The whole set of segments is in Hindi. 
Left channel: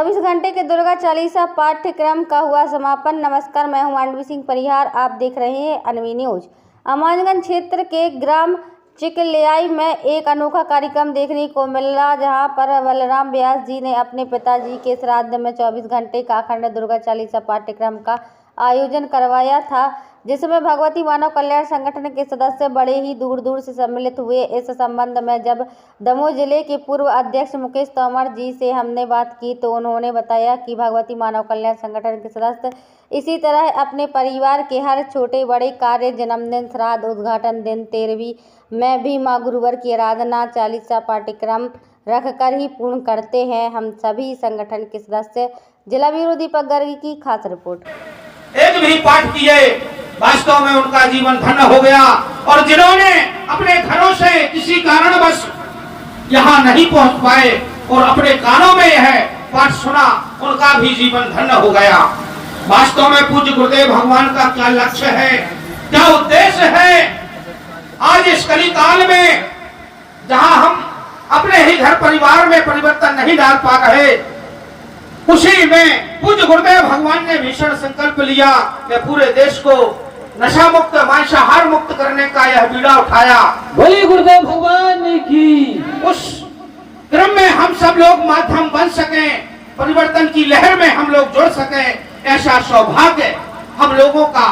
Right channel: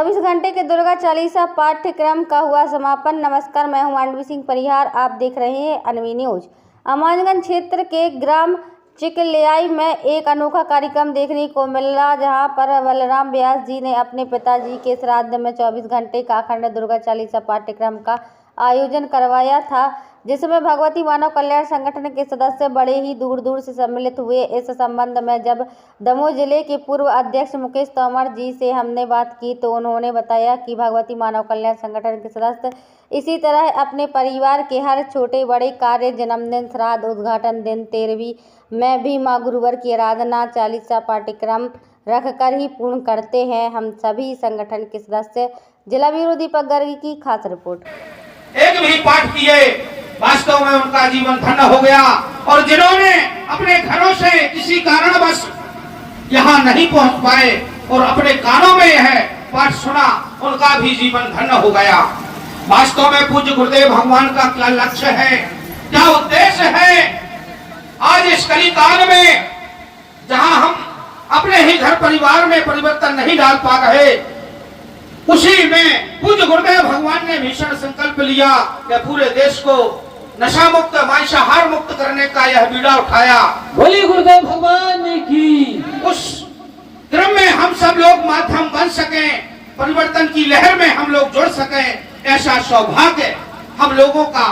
24 घंटे के दुर्गा चालीसा पाठ्यक्रम का हुआ समापन। नमस्कार, मैं हूं मांडवी सिंह परिहार। आप देख रहे हैं अनवी न्यूज। अमानगंज क्षेत्र के ग्राम चिकलियाई में एक अनोखा कार्यक्रम देखने को मिला, जहां पर बलराम व्यास जी ने अपने पिताजी के श्राद्ध में 24 घंटे का अखंड दुर्गा चालीसा पाठ्यक्रम का आयोजन करवाया था, जिसमें भगवती मानव कल्याण संगठन के सदस्य बड़े ही दूर दूर से सम्मिलित हुए। इस संबंध में जब दमोह जिले के पूर्व अध्यक्ष मुकेश तोमर जी से हमने बात की तो उन्होंने बताया कि भगवती मानव कल्याण संगठन के सदस्य इसी तरह अपने परिवार के हर छोटे बड़े कार्य, जन्मदिन, श्राद्ध, उद्घाटन दिन, 13वीं में भी माँ गुरुवर की आराधना चालीसा पाठ्यक्रम रखकर ही पूर्ण करते हैं। हम सभी संगठन के सदस्य। जिला ब्यूरो दीपक गर्ग की खास रिपोर्ट। एक भी पाठ किए, वास्तव में उनका जीवन धन्य हो गया। और जिन्होंने अपने घरों से किसी कारणवश यहाँ नहीं पहुँच पाए और अपने कानों में यह पाठ सुना, उनका भी जीवन धन्य हो गया। वास्तव में पूज्य गुरुदेव भगवान का क्या लक्ष्य है, क्या उद्देश्य है? आज इस कली काल में जहाँ हम अपने ही घर परिवार में परिवर्तन नहीं डाल पा रहे, उसी में पूज्य गुरुदेव भगवान ने भीषण संकल्प लिया कि पूरे देश को नशा मुक्त, मांसाहार मुक्त करने का यह बीड़ा उठाया। बोली गुरुदेव भगवान की। उस क्रम में हम सब लोग माध्यम बन सकें, परिवर्तन की लहर में हम लोग जुड़ सकें, ऐसा सौभाग्य हम लोगों का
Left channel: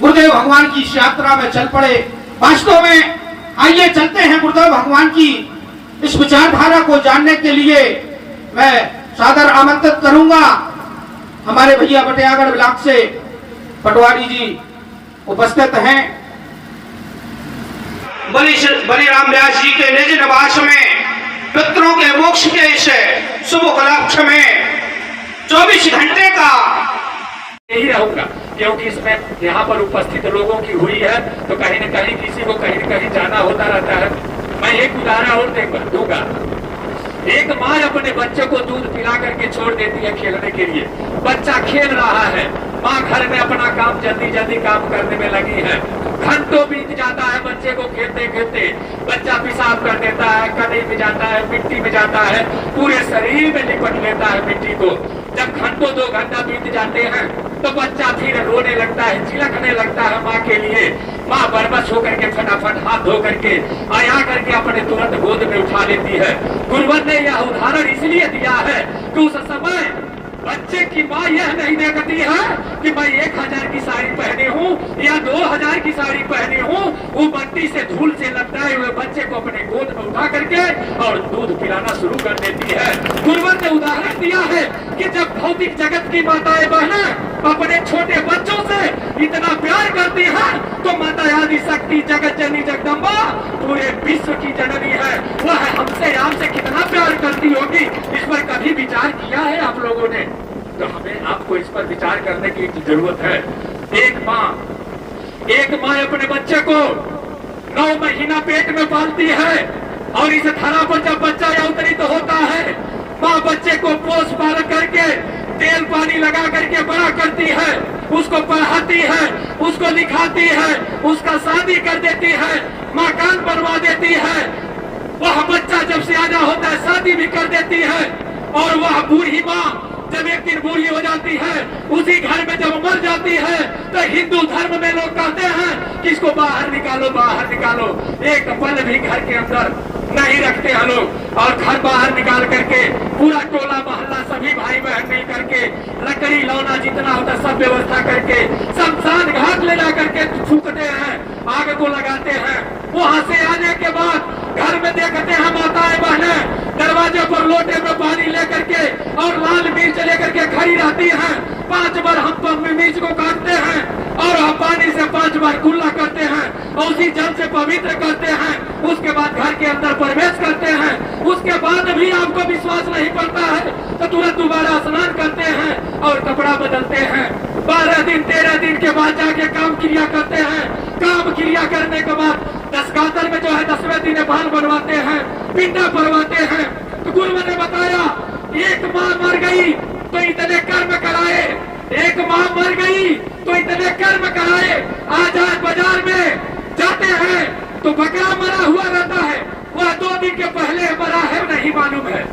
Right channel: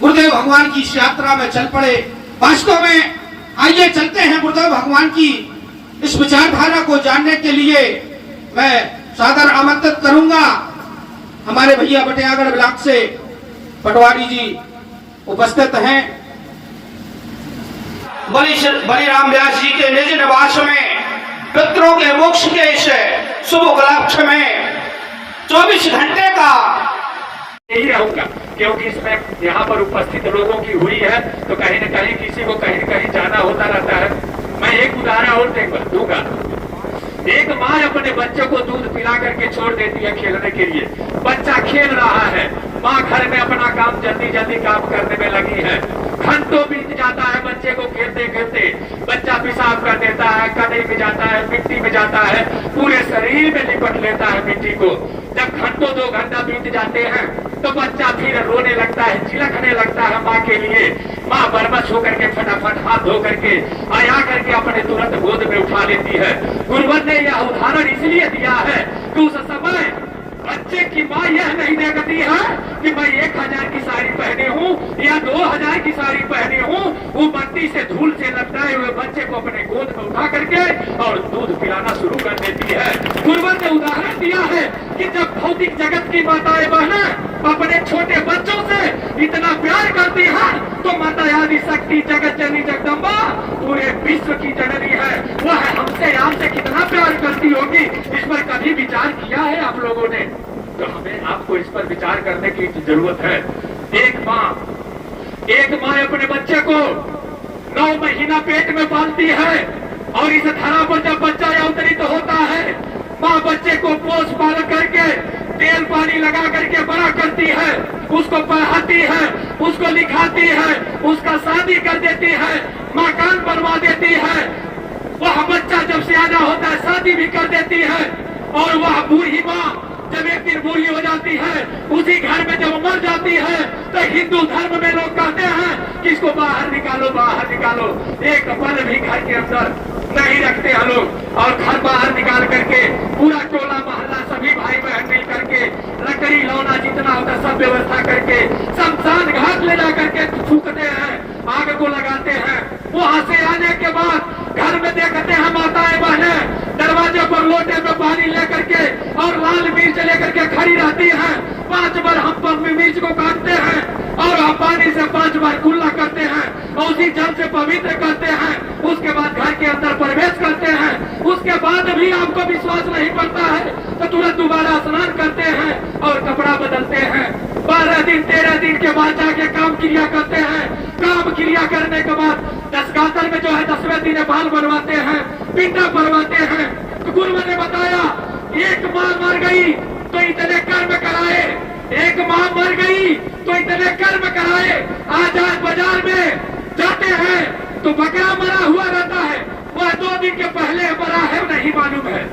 गुरुदेव भगवान की इस यात्रा में चल पड़े। वास्तव में आइए चलते हैं गुरुदेव भगवान की इस विचारधारा को जानने के लिए। मैं सादर आमंत्रित करूंगा हमारे भैया बटियागढ़ ब्लॉक से पटवारी जी उपस्थित हैं। बलिराम व्यास जी के निज निवास में पितरों के मोक्ष के इस शुभ उपलक्ष्य में 24 घंटे का यही रहूंगा, क्योंकि इसमें यहाँ पर उपस्थित लोगों की हुई है तो कहीं न कहीं किसी को कहीं न कहीं जाना होता रहता है। मैं एक उदाहरण और दूंगा। एक माँ अपने बच्चे को दूध पिला करके छोड़ देती है खेलने के लिए। बच्चा खेल रहा है, माँ घर में अपना काम जल्दी जल्दी काम करने में लगी है। घंटों बीत जाता है बच्चे को खेलते खेलते। बच्चा पेशाब कर देता है, कदे में जाता है, मिट्टी में जाता है, पूरे शरीर में लिपट लेता है मिट्टी को। जब घंटों 2 घंटा बीत जाते हैं तो बच्चा फिर रोने लगता है, चिलकने लगता है माँ के लिए। माँ बरबस होकर के फटाफट हाथ धो करके आया करके अपने तुरंत गोद में उठा लेती है। गुरुवर ने यह उदाहरण इसलिए दिया है कि उस समय बच्चे की माँ यह नहीं देखती है कि मैं 1000 की साड़ी पहने हूँ या 2000 की साड़ी पहने हूँ। वो मट्टी से धूल से लपटाए हुए बच्चे को अपने गोद में उठा करके और दूध पिलाना शुरू कर देती है। गुरुवर ने उदाहरण दिया है कि जब भौतिक जगत की माताएं बहनें अपने छोटे बच्चों से इतना प्यार करती है तो माता आदि शक्ति जगत जननी जगदम्बा पूरे विश्व की जननी है, वह हमसे आपसे कितना प्यार करती होगी, इस पर कभी विचार किया है आप लोगों ने? तो हमें आपको इस पर विचार करने की जरूरत है। एक माँ अपने बच्चे को 9 महीना पेट में पालती है और इस धरा पर जब बच्चा अवतरित होता है, माँ बच्चे को पोष पाल करके तेल पानी लगा करके बड़ा करती है, उसको पढ़ाती है, उसको लिखाती है, उसका शादी कर देती है, मकान बनवा देती है। वह बच्चा जब सियाना होता है शादी भी कर देती है। और वह बूढ़ी माँ जब एक दिन बूढ़ी हो जाती है, उसी घर में जब मर जाती है तो हिंदू धर्म में लोग कहते हैं कि इसको बाहर निकालो, बाहर निकालो। एक पल भी घर के अंदर नहीं रखते हैं लोग और घर बाहर निकाल करके पूरा टोला मोहल्ला सभी भाई बहन मिल करके लकड़ी लौना जितना होता है सब व्यवस्था करके शमशान घाट ले जा करके फूकते हैं, आग को लगाते हैं। वहां से आने के बाद घर में देखते हैं माताएं बहनें दरवाजे पर लोटे में पानी लेकर के और लाल मिर्च लेकर के खड़ी रहती हैं। 5 बार हम मिर्च को काटते हैं और पानी से 5 बार कुल्ला करते हैं और उसी जल से पवित्र करते हैं। उसके बाद घर के अंदर प्रवेश करते हैं। उसके बाद भी आपको विश्वास नहीं पड़ता है तो तुरंत दोबारा स्नान करते हैं और कपड़ा बदलते हैं। 12 दिन 13 दिन के बाद जाके काम क्रिया करते हैं। काम क्रिया करने के बाद 10 गातर में जो है 10वें दिन बाल बनवाते हैं, पिंडा बनवाते हैं। तो गुरुवर ने बताया एक माँ मर गई तो इतने कर्म कराए, एक माँ मर गई तो इतने कर्म कराए। आज बाजार में जाते हैं तो बकरा मरा हुआ रहता है, वह 2 दिन के पहले मरा है नहीं मालूम है।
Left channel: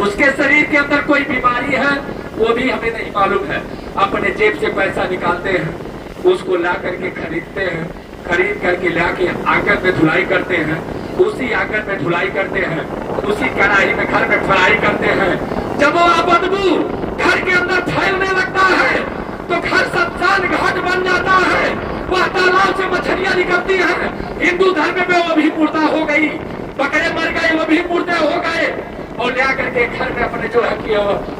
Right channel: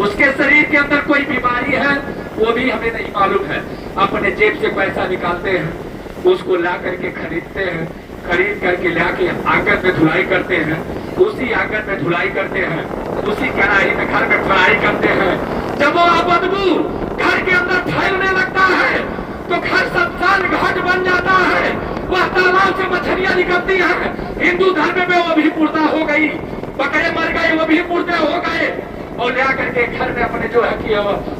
उसके शरीर के अंदर कोई बीमारी है वो भी हमें नहीं मालूम है। अपने जेब से पैसा निकालते हैं, उसको ला करके खरीदते हैं, खरीद करके लाके आंगन में धुलाई करते हैं, उसी आंगन में धुलाई करते हैं, उसी कढ़ाई में घर में धुलाई करते हैं। जब वो बदबू घर के अंदर फैलने लगता है तो घर शमशान घाट बन जाता है। वह तालाब से मछलियां निकलती है। हिंदू धर्म में वो भी मुर्दा हो गई, बकरे मर गए वो भी मुर्दे हो गए, और ले करके घर में अपने जो है कि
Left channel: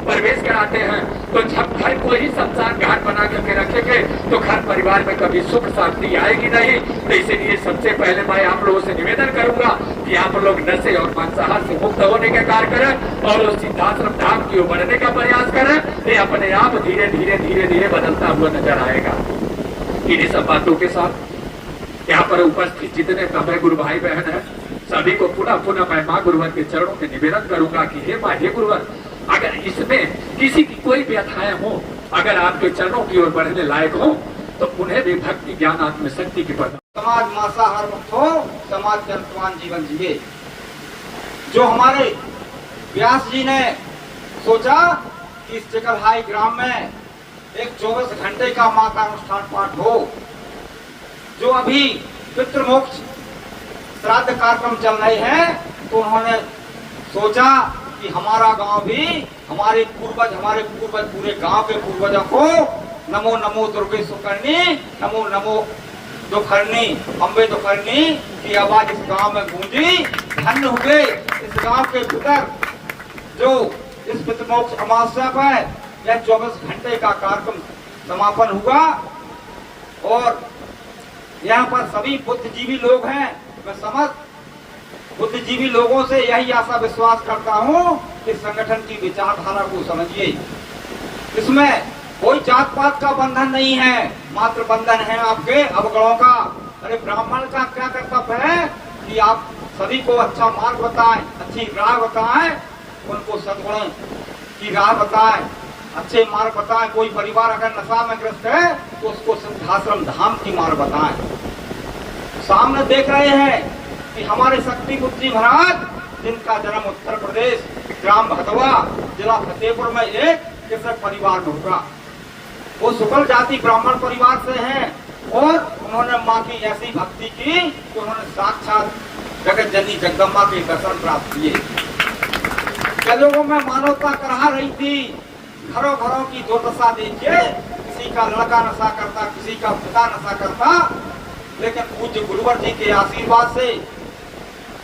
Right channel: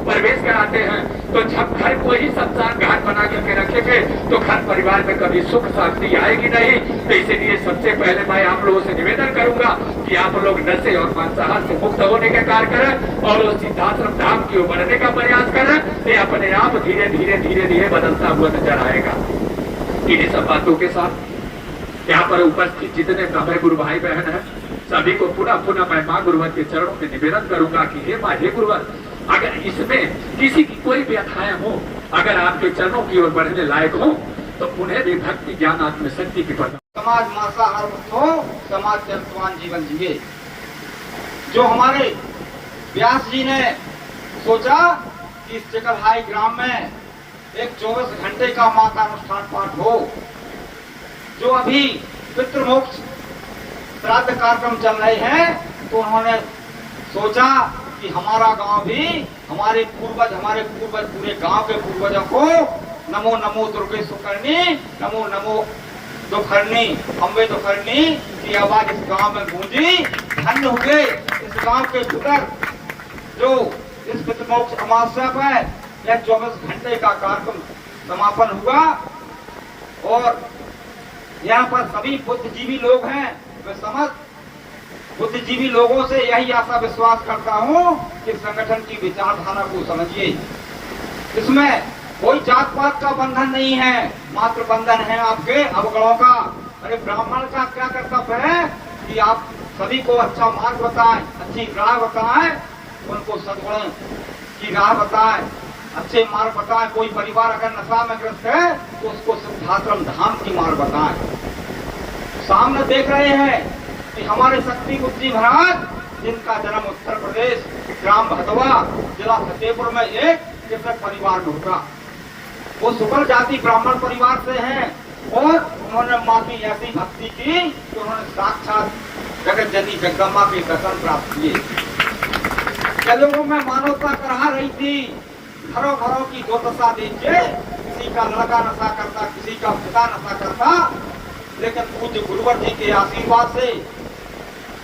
प्रवेश कराते हैं। तो जब घर को ही शमशान घाट बना करके रखेंगे तो घर परिवार में कभी सुख शांति आएगी नहीं। तो इसीलिए सबसे पहले मैं आप लोगों से निवेदन करूंगा कि आप लोग नशे और मांसाहार से मुक्त होने का कार्य करें और उस सिद्धाश्रम धाम की ओर बढ़ने का प्रयास करें। ये अपने आप धीरे धीरे धीरे धीरे बदलता हुआ नजर आएगा। इन्हीं सब बातों के साथ यहाँ पर उपस्थित जितने सभी गुरु भाई बहन है, सभी को पुनः मैं माँ गुरुवर के चरणों में निवेदन करूंगा कि हे माँ, हे गुरुवर, अगर इसमें किसी की कोई व्यथाएं हो, अगर आपके चरणों की ओर बढ़ने लायक हो, तो उन्हें भी भक्ति ज्ञान आत्मशक्ति की प्रदान। समाज मांसाहार मुक्त हो, समाज चरित्रवान जीवन जिए। जो हमारे व्यास जी ने सोचा कि इस चिकलहाई ग्राम में एक 24 घंटे का माँ का अनुष्ठान पाठ हो। जो अभी पितृमोक्ष श्राद्ध कार्यक्रम चल रहे हैं, तो उन्होंने सोचा कि हमारा गांव भी हमारे पूर्वज पूरे गांव के पूर्वजों को नमो नमो दुर्गे सुकर्णी, नमो नमो दुखर्णी, अम्बे दुखर्णी की आवाज इस गांव में गूंजी। धन्य हुए इस गांव के भीतर जो इस पितृमोक्ष अमावस्या पर यह 24 घंटे का कार्यक्रम समापन हुआ। और यहाँ पर सभी बुद्धिजीवी लोग हैं। मैं समस्त बुद्धिजीवी लोगों से यही आशा विश्वास करता हूँ कि संगठन की विचारधारा को समझिए। इसमें कोई जात पात का बंधन नहीं है, मात्र बंधन है आपके अवगुणों का। अरे ब्राह्मण का क्या कर्तव्य है कि आप सभी को अच्छा मार्ग बताएं, अच्छी राह बताएं, उनको सद्गुण की राह बताएं, अच्छे मार्ग बताएं। कोई परिवार अगर नशा में ग्रस्त है तो उसको सिद्धाश्रम धाम की मार्ग बताएं। सामने देख रहे हैं कि हमारे शक्ति बुद्धि महाराज, जिनका जन्म उत्तर प्रदेश ग्राम भदवा जिला फतेहपुर में एक कृषक परिवार में हुआ। वो सुपर जाति ब्राह्मण परिवार से हैं और उन्होंने माँ की ऐसी भक्ति की कि उन्होंने साक्षात जगत जननी जगदम्बा के दर्शन प्राप्त किए। कलयुगों में मानवता करा रही थी, घरों घरों की दुर्दशा देखिए, किसी का लड़का नशा करता, किसी का पिता नशा करता। लेकिन पूज्य गुरुवर जी के आशीर्वाद से,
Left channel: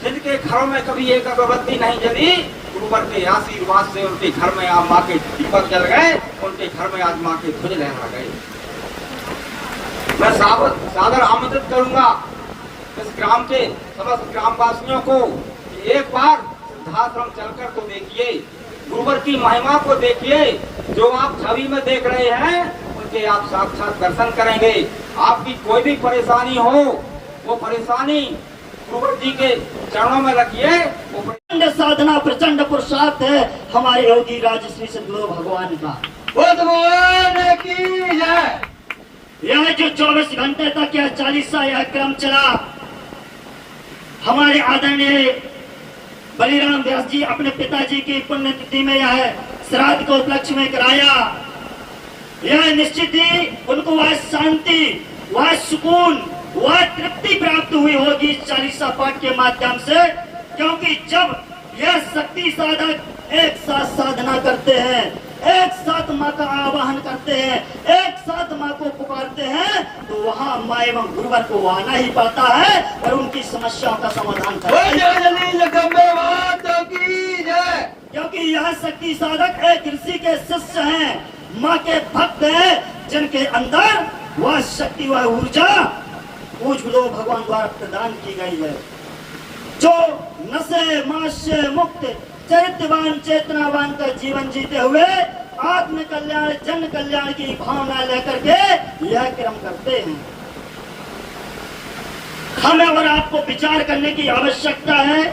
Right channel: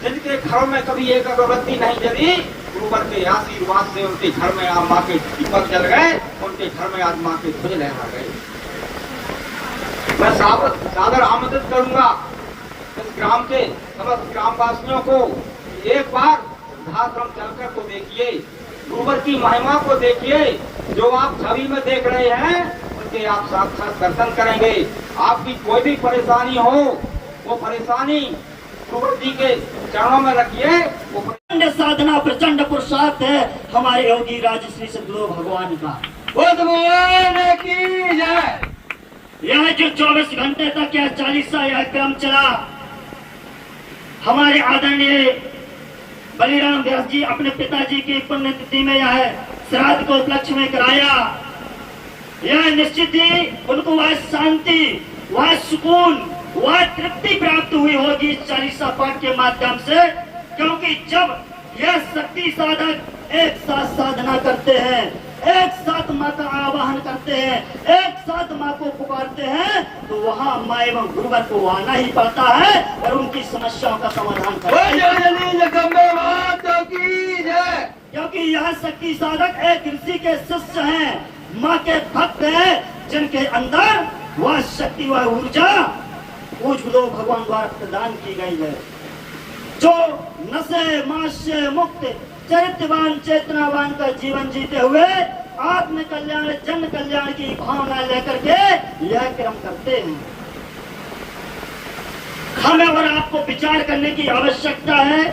जिनके घरों में कभी एक अगरबत्ती नहीं जली, गुरुवर के आशीर्वाद से उनके घर में आज माँ के दीपक जल गए, उनके घर में आज माँ के ध्वज लहरा गए। मैं सादर आमंत्रित करूंगा इस ग्राम के समस्त ग्रामवासियों को, एक बार सिद्धाश्रम चलकर तो देखिए, गुरुवर की महिमा को देखिए। जो आप छवि में देख रहे हैं उनके आप साक्षात दर्शन करेंगे। आपकी कोई भी परेशानी हो, वो परेशानी गुरुवर जी के चरणों में रखिए। प्रचंड साधना, प्रचंड पुरुषार्थ है हमारे योगी राजश्री सदगुरु भगवान का। भगवान की जय। यह जो 24 घंटे तक यह 40 यह क्रम चला, हमारे आदरणीय बलिराम व्यास जी अपने पिताजी की पुण्यतिथि में यह श्राद्ध को उपलक्ष्य में कराया। यह निश्चित ही उनको वह शांति, वह सुकून, वह तृप्ति प्राप्त हुई होगी इस 40 पाठ के माध्यम से। क्योंकि जब यह शक्ति साधक एक साथ साधना करते हैं, एक साथ माँ का आवाहन करते हैं, एक साथ माँ को पुकारते हैं, तो वहाँ माँ एवं गुरुवर को आना ही पड़ता है और उनकी समस्याओं का समाधान करते हैं। क्योंकि यह शक्ति साधक एक ऋषि के शिष्य हैं, माँ के भक्त हैं, जिनके अंदर वह शक्ति, वह ऊर्जा पूज गुरु भगवान द्वारा प्रदान की गई है। जो नशे मास्य मुक्त चरित्रवान चेतनावान का जीवन जीते हुए आत्म कल्याण जन कल्याण की भावना लेकर के यह क्रम करते हैं। हमें और आपको विचार करने की आवश्यकता है।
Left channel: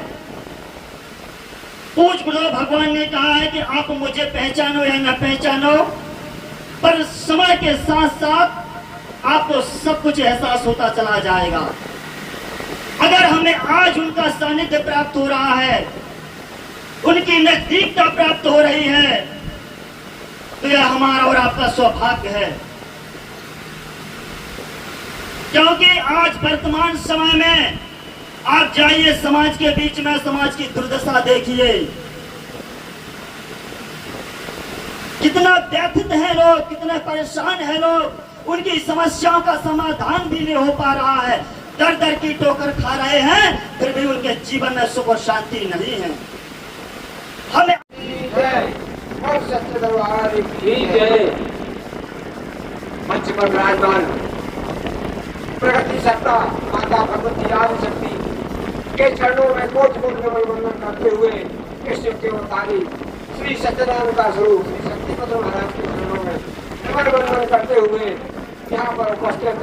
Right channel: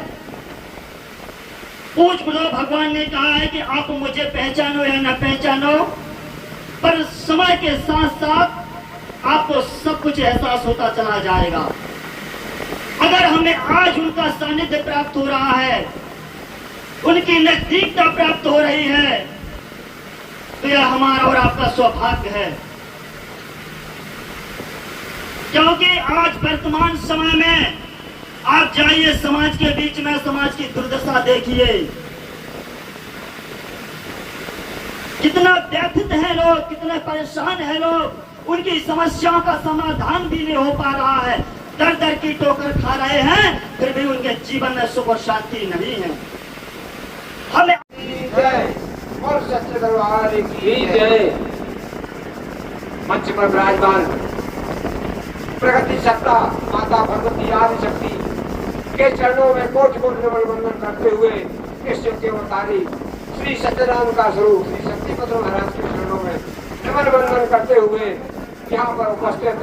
पूज गुरु भगवान ने कहा है कि आप मुझे पहचानो या न पहचानो, पर समय के साथ साथ आपको सब कुछ एहसास होता चला जाएगा। अगर हमें आज उनका सानिध्य प्राप्त हो रहा है उनकी नजदीकता प्राप्त हो रही है, तो यह हमारा और आपका सौभाग्य है। क्योंकि आज वर्तमान समय में आप जाइए समाज के बीच में, समाज की दुर्दशा देखिए, कितना व्यथित है लोग, कितने परेशान है लोग, उनकी समस्याओं का समाधान भी नहीं हो पा रहा है, दर दर की ठोकर खा रहे हैं, फिर भी उनके जीवन में सुख और शांति नहीं है। हमें और सच्चे दरबार की जय। मंच पर विराजमान प्रगति सत्ता माता भगवती आदि शक्ति के चरणों में कोटि कोटि नमन वंदन करते हुए कृष्ण के अवतारी श्री सत्यनारायण का स्वरूप श्री सत्यपत्र महाराज के चरणों में नमन वंदन करते हुए यहाँ पर उपस्थित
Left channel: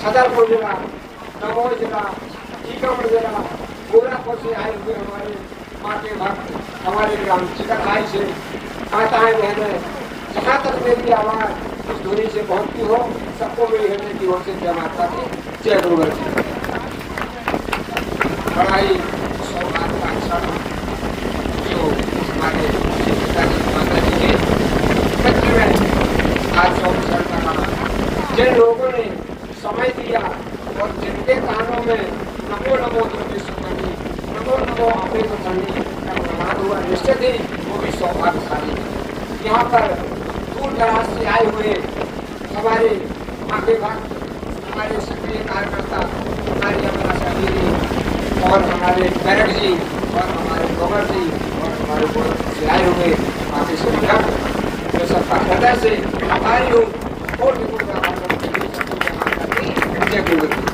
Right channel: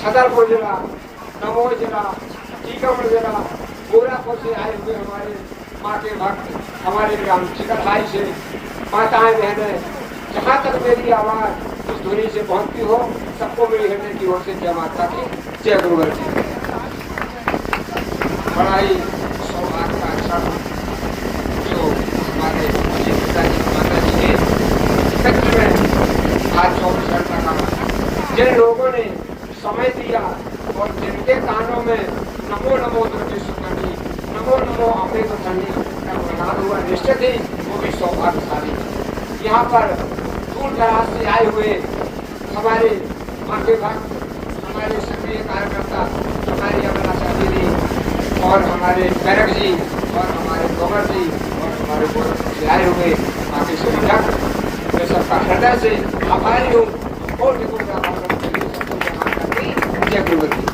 छतरपुर जिला, दमोह जिला, टीकमगढ़ जिला, गोरखपुर से आए हुए हमारे माँ के भक्त, हमारे ग्राम चिकनहाई से माताएं बहनें, जहाँ तक मेरी आवाज उस ध्वनि से पहुँचती हो, सबको मेरी हृदय की ओर से जय माता की जय गुरुवर जी। बड़ा ही सौभाग्य का क्षण जो हमारे पिताजी ने आज 24 घंटा का जिन लोगों ने समय दिया और जिनके कानों में नमो नमो दुर्गेश्वरी, नमो नमो अमृत धनी का प्रमाण हुआ, निश्चित ही वो भी सौभाग्यशाली। यहाँ पर दूर दराज से आए हुए हमारे माता भक्त, हमारे सक्रिय कार्यकर्ता, हमारे अपना जी और हमारे बैरक जी और हमारे गोबर जी और हमारे गोरखपुर से आए हुए बाकी सभी भक्त, मैं सबका हृदय से आभारी हूँ और जय गुरुदेव।